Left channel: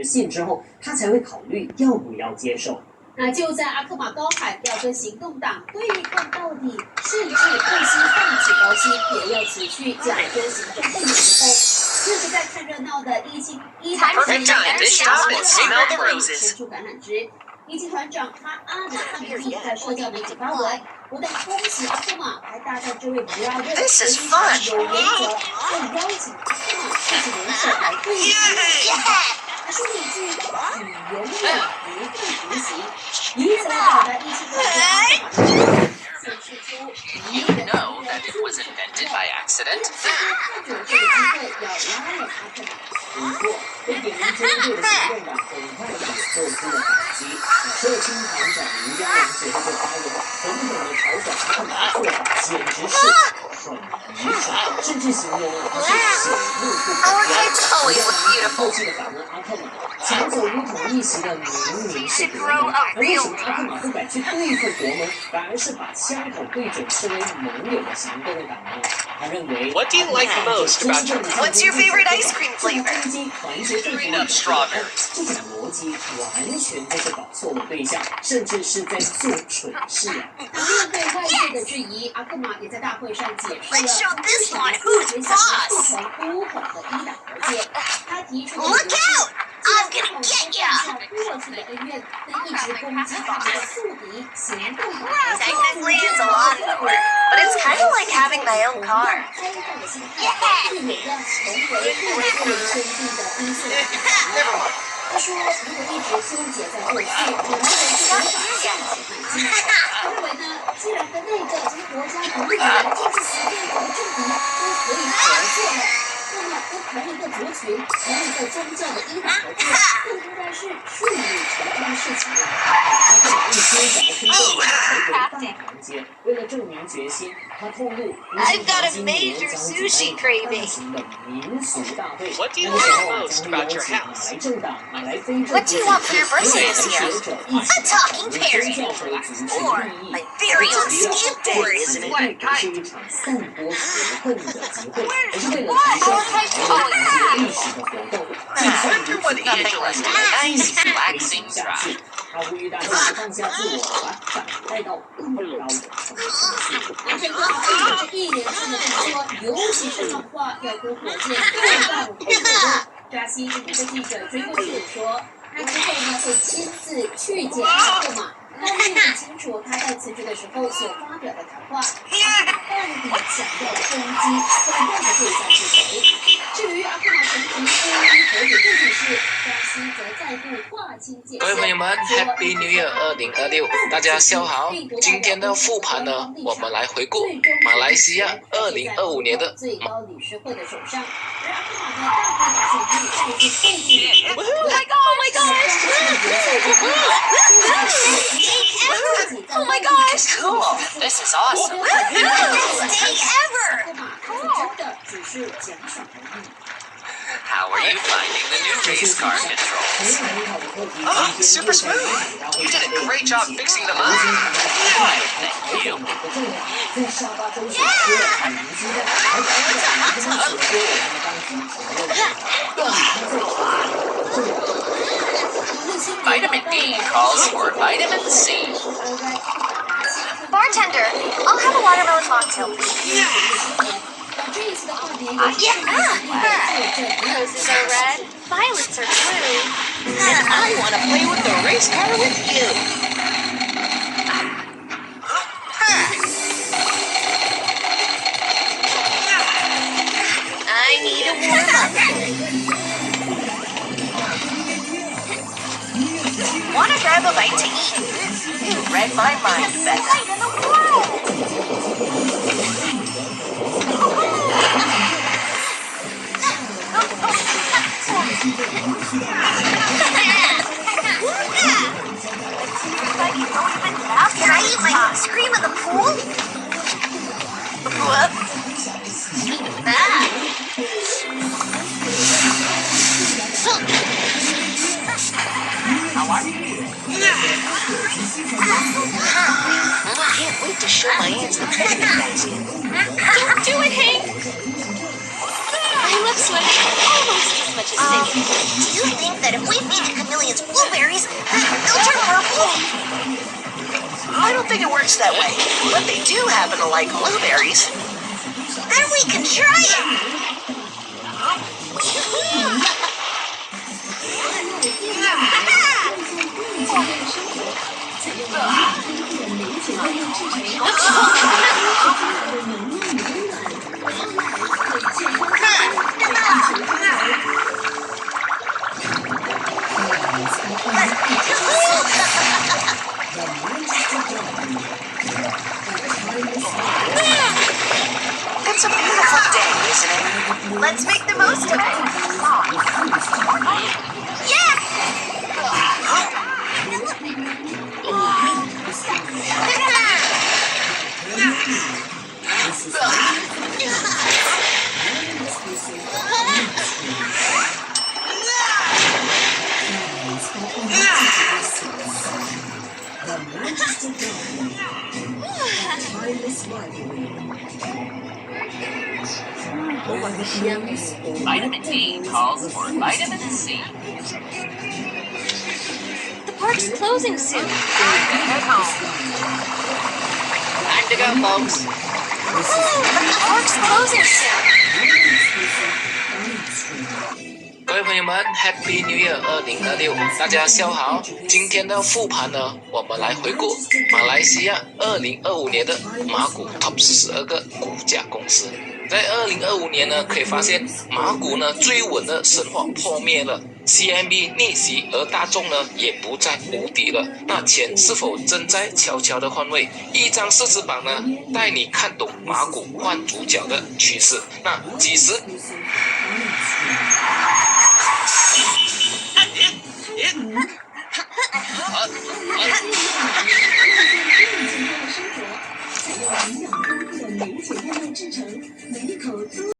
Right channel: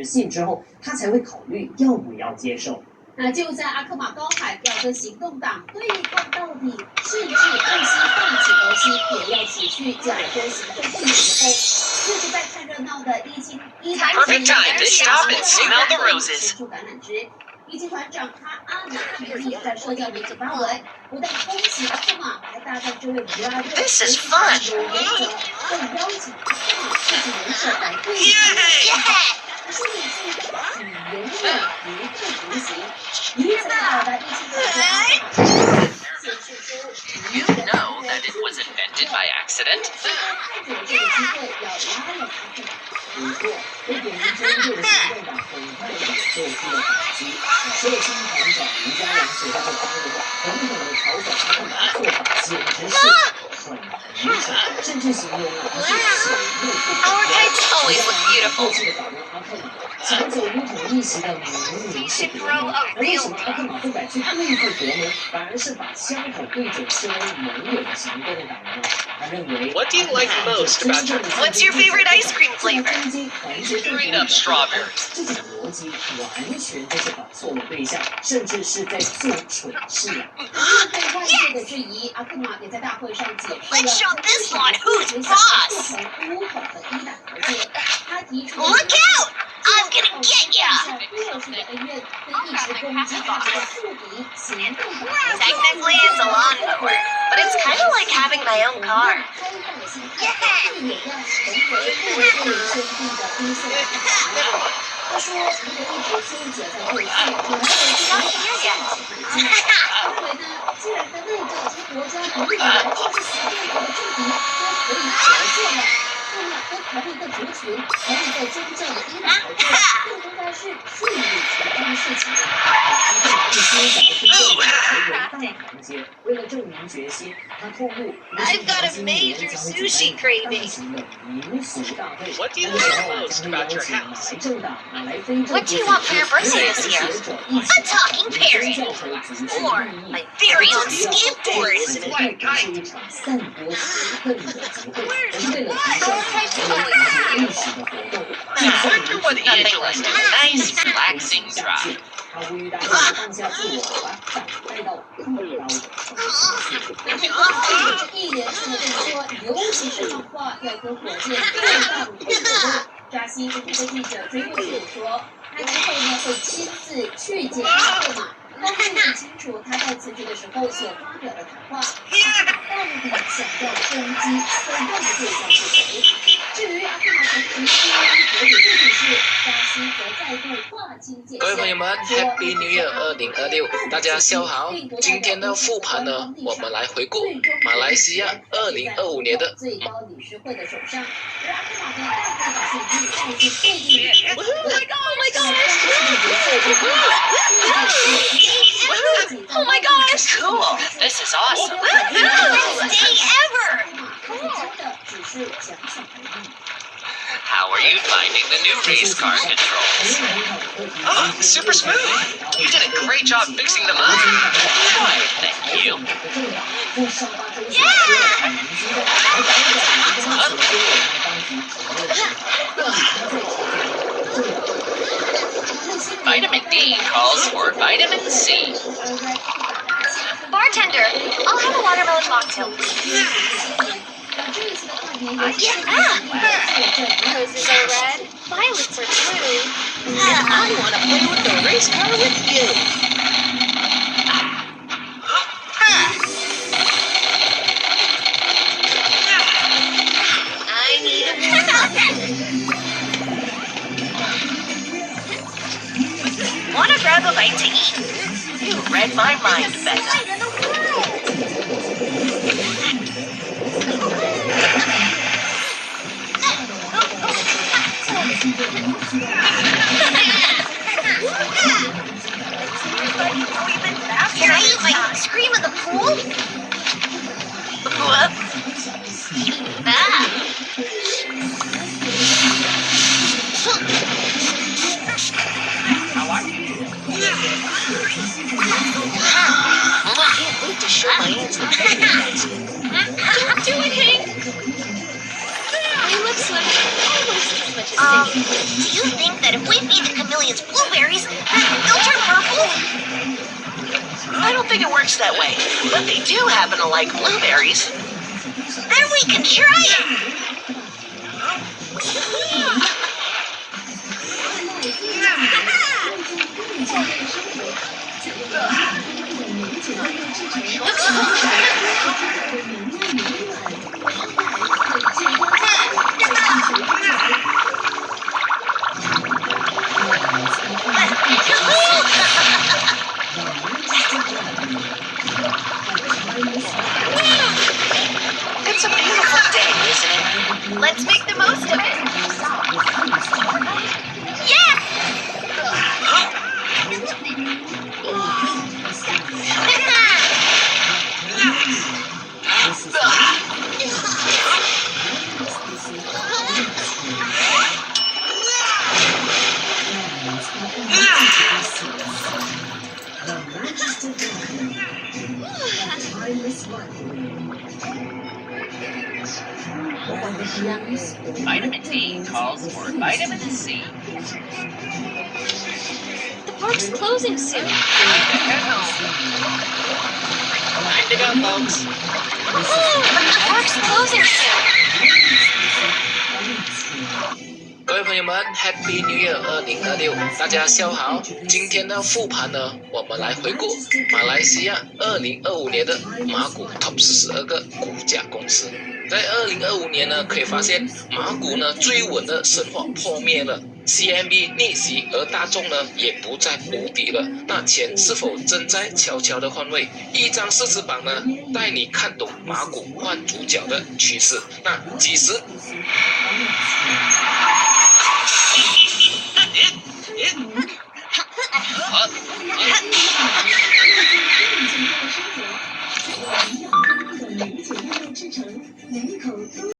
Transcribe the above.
實現之後，他才會考慮要不要接受。那就在阿克瑪高喊要跟行動黨對抗到底，甚至不惜放棄高薪也要辭去加州行政會議之後，自己在看熱鬧的Perfect time to stop and smell the roses. 伸出橄欖枝。一級團長他阿德漢密在社交媒體發文，不但恭喜阿克瑪，還大讚這位布拉瑞 This is fun. 有原則，更邀請阿克瑪自己人設來對決。他說了一句：“你永遠不会独行。”以此来表達一级團長顯示出 You know that it was invented by accident. 看准这个機會要拉攏阿克瑪。不過，被點名針對的行動黨很快也做出了反擊。社青團長吳嘉玲隨後就發文，狠狠地嘲諷阿克瑪的做法簡直是很愚蠢，甚至形容他是朽木不可。Our kites always look 後 beautiful. 期的訪問阿克瑪，搶走烏統一席的明明是國盟，而為什麼阿克瑪不敢去對付國盟，反而是把槍口對準視為盟友的行動黨呢？他認為 What do you like most about your What's your favorite ice cream flavor? Green up strawberries. 這種邏輯完全就是搞錯了對象，甚至是在做蠢事啊！面對外界的質疑，阿克瑪也在大會上解釋 Let's 了 show 他 this 為 one 什麼 who's 會想 boss. 促成烏統的一黨和解。他提出 Look out! I'm gonna get ya! 過去的恩怨跟一直攻擊他的宿敵行動黨。 Technically, it's a lawnmower, but it's kind of like having my own car. 他说：“如果一直纠結在過去，有沒有人就能發現他認為呢，既然跟內政及國家獨立的人就是死對頭的政敵都可以合作了，那麼跟同一個族群、同一個宗教的一黨合作，更應該是順理成章的事情了。”阿克瑪一邊講的推動大團結，為了證明決心，他透露 I've got a major sushi craving. What do you like most about your house? What do you want for your birthday this year? A talking parrot. Or my very own skateboard. Isn't it? Flat kite. I wonder what Nothing like a nice, relaxing drive. 他呼籲大家放下自我，把帶到更高的層次。這是一連串的動作，尤其是講話要跟火箭更大舞台合作。扎西跟這個記者追問時說，他之後呢會親自去見阿克瑪，但並不清楚他在辭職的時候所發表的談話，到底想要攻擊煽動的對象是誰？至於阿克瑪曾提出和解背景是，扎西則再度劃清界限。各位朋友們 ，Happy New Year 2026，大家下午好。今天的復盤呢，我們來回顧馬來西亞2025年的。最高理事會的手上，而阿克瑪的大會選舉卻是被 Oh my gosh! Cool! This is awesome! Day ever! How are you finding the new race car controls? Oh, super smooth. You did a great job fixing them up. Why, thank you. Vitamin D calls for vitamin C. Bartender, I'll have a watermelon mocktail, please. Roses are red, violets are blue. And I want to play with the race car with you. I need a warm-up. Wanna grab a bite to eat? You read my mind, Becca. Light in the world. Can I eat my ice cream in the pool? Whoops. How are you? I can't wait to show my aunts the picnic basket. Don't do it, Hank. I love swimming almost as much Do you think that if we feed the chameleons blueberries, they'll turn purple? I don't think it works that way, but they do happen to like blueberries. Then we can try it. It's a beautiful day, isn't it? Let's make the most of it. Yes! Vitamin D calls for vitamin C. The park's closing soon. Time to go, folks. The park's closing soon. 各位朋友们 ，Happy New Year 2026，大家下午好。今天的复盘呢，我们来回顾马来西亚2025年的马股 Top 42个股价公司。在2025年呢，可以发现马股呢最稳的神话破灭了 ，CMB 逆袭，而大众呢也不再无敌了。那钱是否正在悄悄的换位？一张市值榜呢，带你看懂马股换主角的趋勢。那幾時？